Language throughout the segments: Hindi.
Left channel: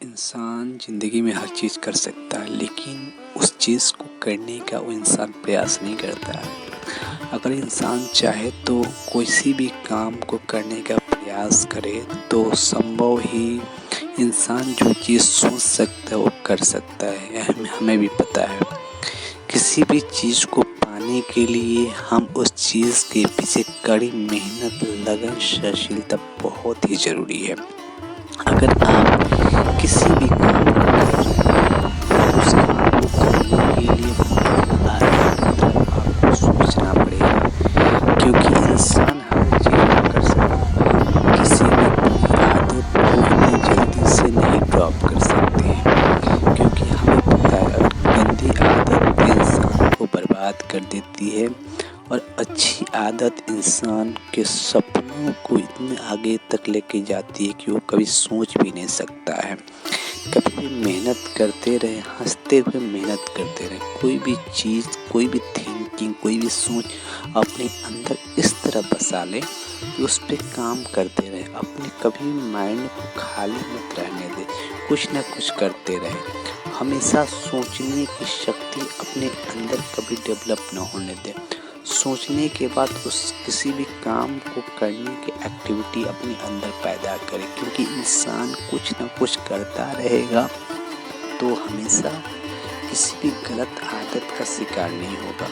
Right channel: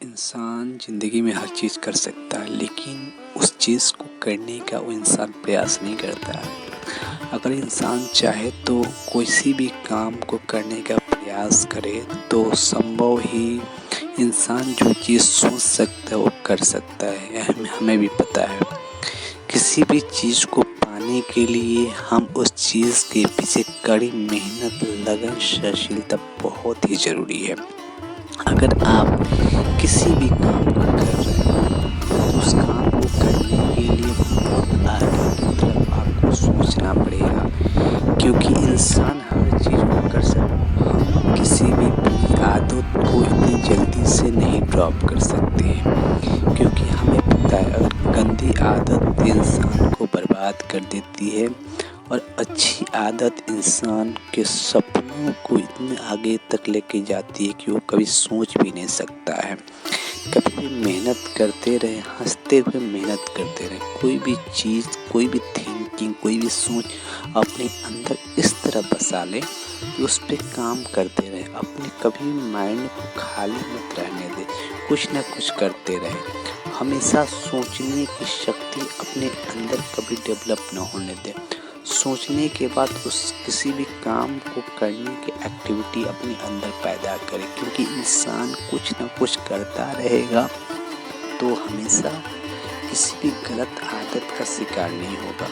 इंसान ज़िंदगी में हर चीज़ कर सकता है, लेकिन उस चीज़ को करने का वो इंसान प्रयास नहीं करता है। अगर इंसान चाहे तो किसी भी काम को करने का प्रयास करे तो संभव ही इंसान जो चीज़ सोच सकता है वो कर सकता है। यह हमें भी पता है। किसी भी चीज़ को पाने के लिए हम उस चीज़ के पीछे कड़ी मेहनत, लगन, सहनशीलता बहुत ही ज़रूरी है। अगर आप किसी भी काम को कर रहे हैं तो उस काम को करने के लिए बहुत आगे की तरफ आपको सोचना पड़ेगा, क्योंकि इंसान हर चीज़ को कर सकता है। हम किसी भी बुरी आदत को इतनी जल्दी से नहीं ड्रॉप कर सकते हैं, क्योंकि हमें पता है अगर गंदी आदत इंसान को बर्बाद कर देती है और अच्छी आदत इंसान के सपनों को इतने आगे तक लेके जाती है कि वो कभी सोच भी नहीं सकता है। कभी भी मेहनत करते रहे, हंसते हुए मेहनत करते रहे। कोई भी चीज़, कोई भी थिंकिंग, कोई भी सोच अपने अंदर इस तरह बसा ले कि उस पर काम करते रहे। अपने कभी माइंड को खाली मत रहने दे, कुछ ना कुछ करते रहे। हमेशा सोचने की शक्ति अपने अंदर कभी डेवलप ना होने दे। सोचने के बाद उस किसी भी काम को करने की एक्टिविटी अपने अंदर पैदा करे, क्योंकि इंसान कुछ ना कुछ करता रहेगा तो हमेशा किसी भी गलत आदत का शिकार नहीं होगा।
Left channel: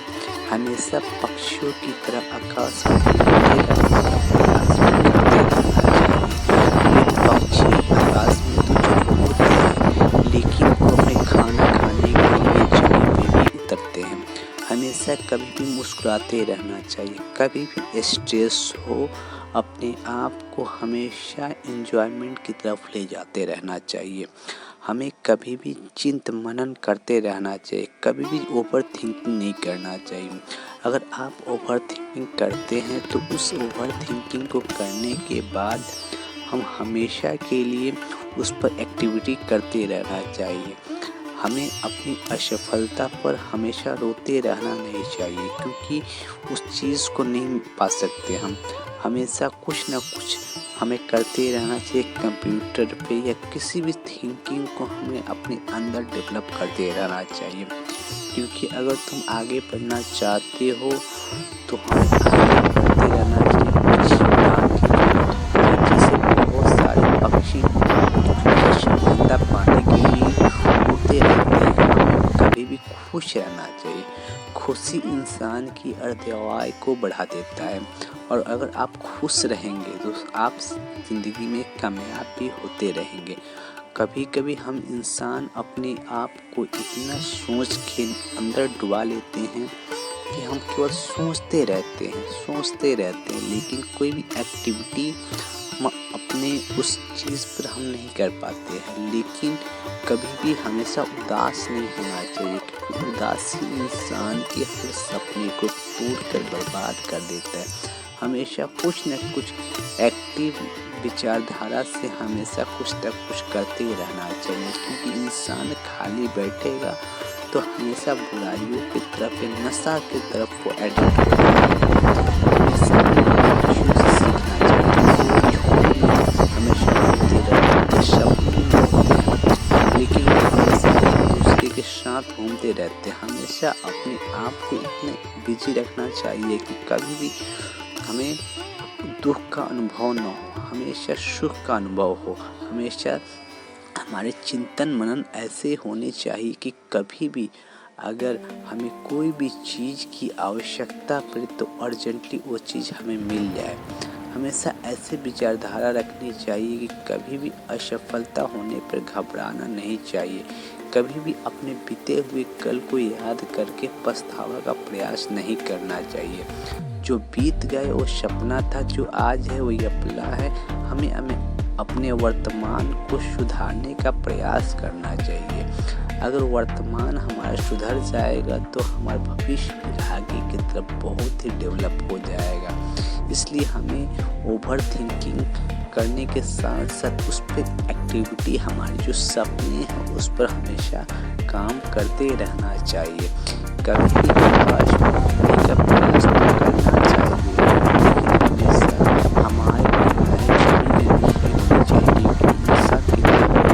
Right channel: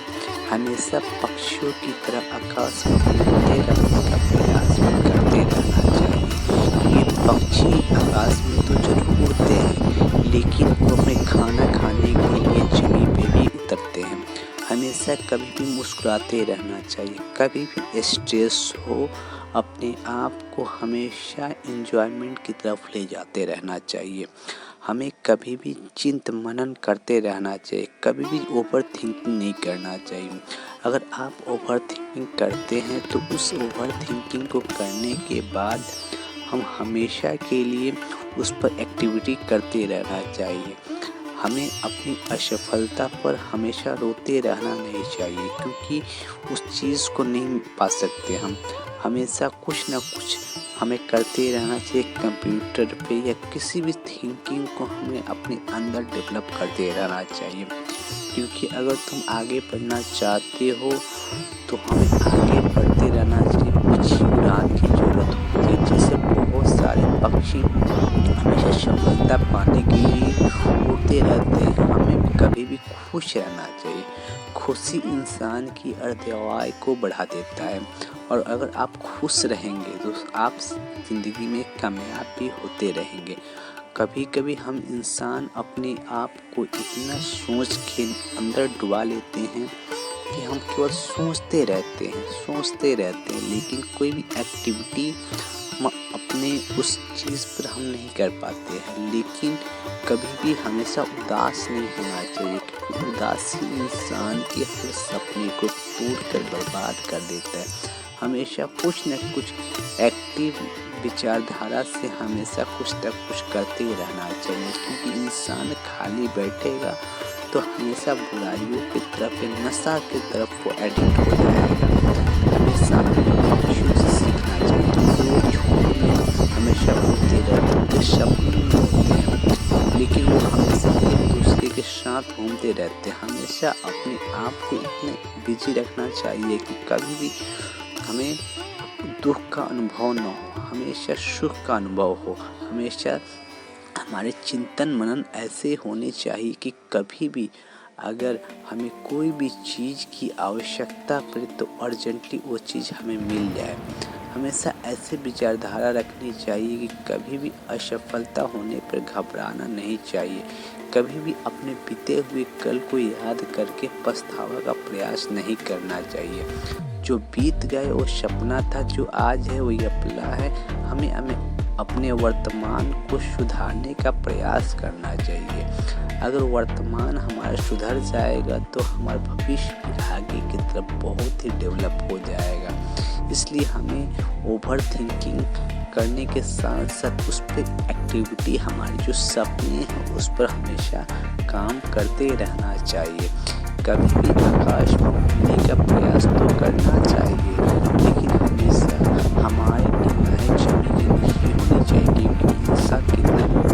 हमेशा पक्षियों की तरह आकाश में उड़ते रहने का प्रयास भी करते रहना चाहिए। ये पक्षी आकाश में तो जरूर उड़ते हैं, लेकिन वो अपने खाना खाने के लिए जमीन पे भी उतरते हैं। हमेशा कभी भी मुस्कुराते रहना चाहिए। कभी भी स्ट्रेस हो, अपने आप को हमेशा एंजॉयमेंट की तरफ ले जाते रहना चाहिए। हमें कभी भी चिंत मनन करते रहना चाहिए। कभी भी ओवर थिंकिंग नहीं करना चाहिए। अगर आप ओवर थिंकिंग करते हैं तो उस ओवर थिंकिंग को करने के बाद हम हमेशा के लिए उस पर एक्टिविटी करते रहना चाहिए। हमें अपनी असफलता पर हमेशा रोते रहना नहीं चाहिए, क्योंकि उस चीज़ को नहीं पा सकते हम। हमेशा कुछ ना कुछ हमें करते रहना चाहिए। कंप्यूटर पे या किसी भी थिंकिंग को हमें अपने अंदर डेवलप करते रहना चाहिए, क्योंकि अगर तुम आगे बढ़ना चाहते हो तो हमें आगे बढ़ते रहना चाहिए। कुछ उड़ान की जरूरत होती है, जिससे बहुत सारे पक्षी हमेशा सफलता पाने के लिए उड़ते रहते हैं। हमें कभी भी खुश रहना चाहिए। खुशी इंसान की अर्धआयु को बढ़ा देता है, और अगर आप खुश रहेंगे तो आप ज़िंदगी में कामयाब भी होते रहेंगे। कभी कभी हम इंसान अपने आप को इतना सोच के अंदर डुबा लेते हैं कि हम केवल सोचते रहते हैं, लेकिन कोई भी एक्टिविटी हम अपने उस चीज़ पर हम नहीं कर पाते हैं। लेकिन कभी भी हमेशा उदास नहीं होना चाहिए, क्योंकि उदासी इंसान के हर सपने को तोड़कर बर्बाद कर देता है। हमेशा कुछ न कुछ एक्टिव विचारधारा से हमेशा कुछ न कुछ करते रहना चाहिए, क्योंकि इंसान खाली बैठेगा तो हमेशा बुराइयों की तरफ या नशा की तरफ वो एडिक्ट हो जाएगा। हमेशा पक्षियों से सीखना चाहिए। वो झुंड में हमेशा उड़ते रहते हैं, सपने में होते हैं, लेकिन वो हमेशा एक दूसरे के साथ घूमते रहते हैं। हमेशा अपने आप को इतने बिजी रखना चाहिए कि कभी भी हमें दुख का अनुभव न हो, हमेशा सुख का अनुभव हो। हमेशा हमारे चिंतन मनन ऐसे होने चाहिए कि कभी भी अगर हमें कोई भी चीज़ की आवश्यकता पड़े तो अर्जेंटली वो चीज़ हमें मिल जाए। हमेशा ऐसे विचारधारा रखनी चाहिए कि कभी भी असफलता होने पर घबराना नहीं चाहिए। कभी भी अपने बीते हुए कल को याद करके पछतावा का प्रयास नहीं करना चाहिए। जो बीत गए वो सपना था, जो आज है वो यपला है। हमें अपने वर्तमान को सुधारने का प्रयास करना चाहिए। अगर वर्तमान हमारा सुधर जाएगा तो हमारा भविष्य भी आगे की तरफ बहुत ही डेवलप हो जाएगा। इसलिए हमें ओवर थिंकिंग करने के साथ साथ उस पर एक्टिविटी, हमारे जो सपने हैं उस पर हमेशा काम करते रहना चाहिए। कभी भी आकाश में उड़ने का प्रयास तो करना चाहिए, लेकिन हमेशा हमारे निगाहें जमीन के नीचे होनी चाहिए, क्योंकि इंसान कितना